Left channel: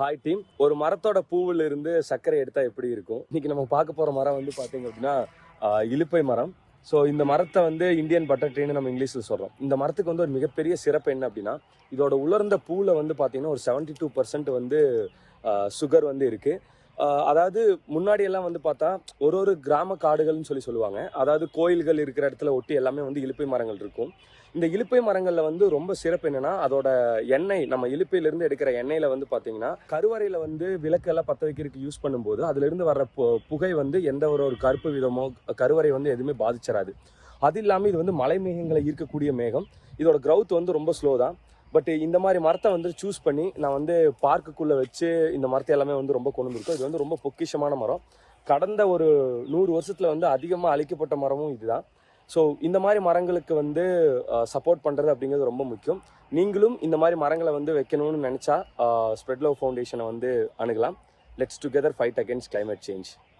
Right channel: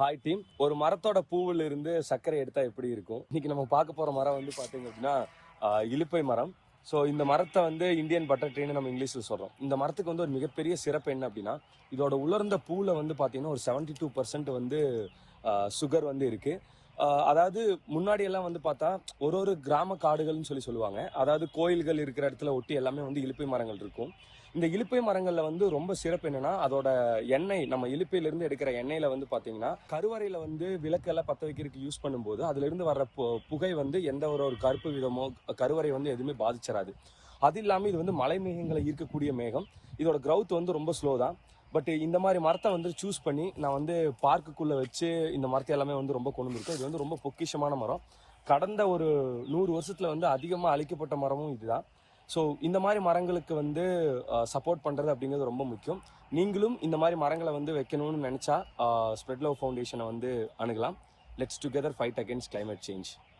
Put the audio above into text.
Hi team. ஒரு மரத்தோட பூவில் இருந்து சர்க்கரை எடுத்தா எப்படி இருக்கும்? இன்னைக்கு நம்ம பார்க்க போற மரம் வந்து பாத்தீங்க அப்படின்னா இலுப்பை மரம். ஸோ இந்த மரத்தை வந்து இந்தியன் பட்டர் ட்ரீன்னு நம்ம இங்கிலீஷ்ல சொல்றோம். இந்த மரத்துக்கு வந்து ஒரு மிகப்பெரிய சிறப்பு என்ன அப்படின்னா, இதோட உலர்ந்த பூவில் வந்து பாத்தீங்கன்னா ஒரு 72% வந்து சுகர் வந்து இருக்கு. அதாவது முன்னாடி எல்லாம் வந்து பார்த்தா ஒரு கிராம காடுகள்னு சொல்லுவாங்க. அதாவது கோயில்கள் இருக்கிற இடத்துல ஒட்டி எல்லாமே வந்து இலுப்பை மரங்கள் இருக்கும். இந்த இலுப்பை மரங்கள்ல வந்து ரொம்ப சிறப்பு என்னன்னா, அதோட எண்ணெய், நம்ம இலுப்பையிலிருந்து எடுக்கிற எண்ணெயில வந்து பாத்தீங்கன்னா கருவறையில வந்து விளக்கெல்லாம் பத்த வைக்கிறதுக்கு யூஸ் பண்ணும்போது அதுல இருந்து வர்ற புகை வந்து எந்த ஒரு கருப்பு விதமோ கருவறை வந்து எதுவுமே பாதிச்சிடாது. அது இல்லாம இது வந்து மலை மேகங்களை ஈர்க்கக்கூடிய மேகம். இதோட கிரௌத் வந்து ரொம்ப ஸ்லோ தான். பட் இந்த மாதிரி மரத்தை வந்து சூஸ் பண்ணி நான் வந்து பார்க்குக்குள்ள வச்சு இந்த மரத்தை எல்லாமே வந்து ரொம்ப கொண்டு வந்திருக்கோம். இது வந்து ரொம்ப பொக்கிஷமான மரம். கடந்த ஒரு 100 வருஷத்துல வந்து அதிகமாக அழிக்கப்பட்ட மரமும் இதுதான். ஸோ இந்த மாதிரி மரங்களுக்கு வந்து சப்போர்ட் பண்றது அப்படிங்கிறது ரொம்ப முக்கியம். நீங்களும் இந்த மாதிரி மரங்களை வந்து வைக்கணும்னு நினைச்சா ஸ்ப்ரெட் லவ் ஃபவுண்டேஷனை வந்து அணுகலாம். Let's together fight against climate change.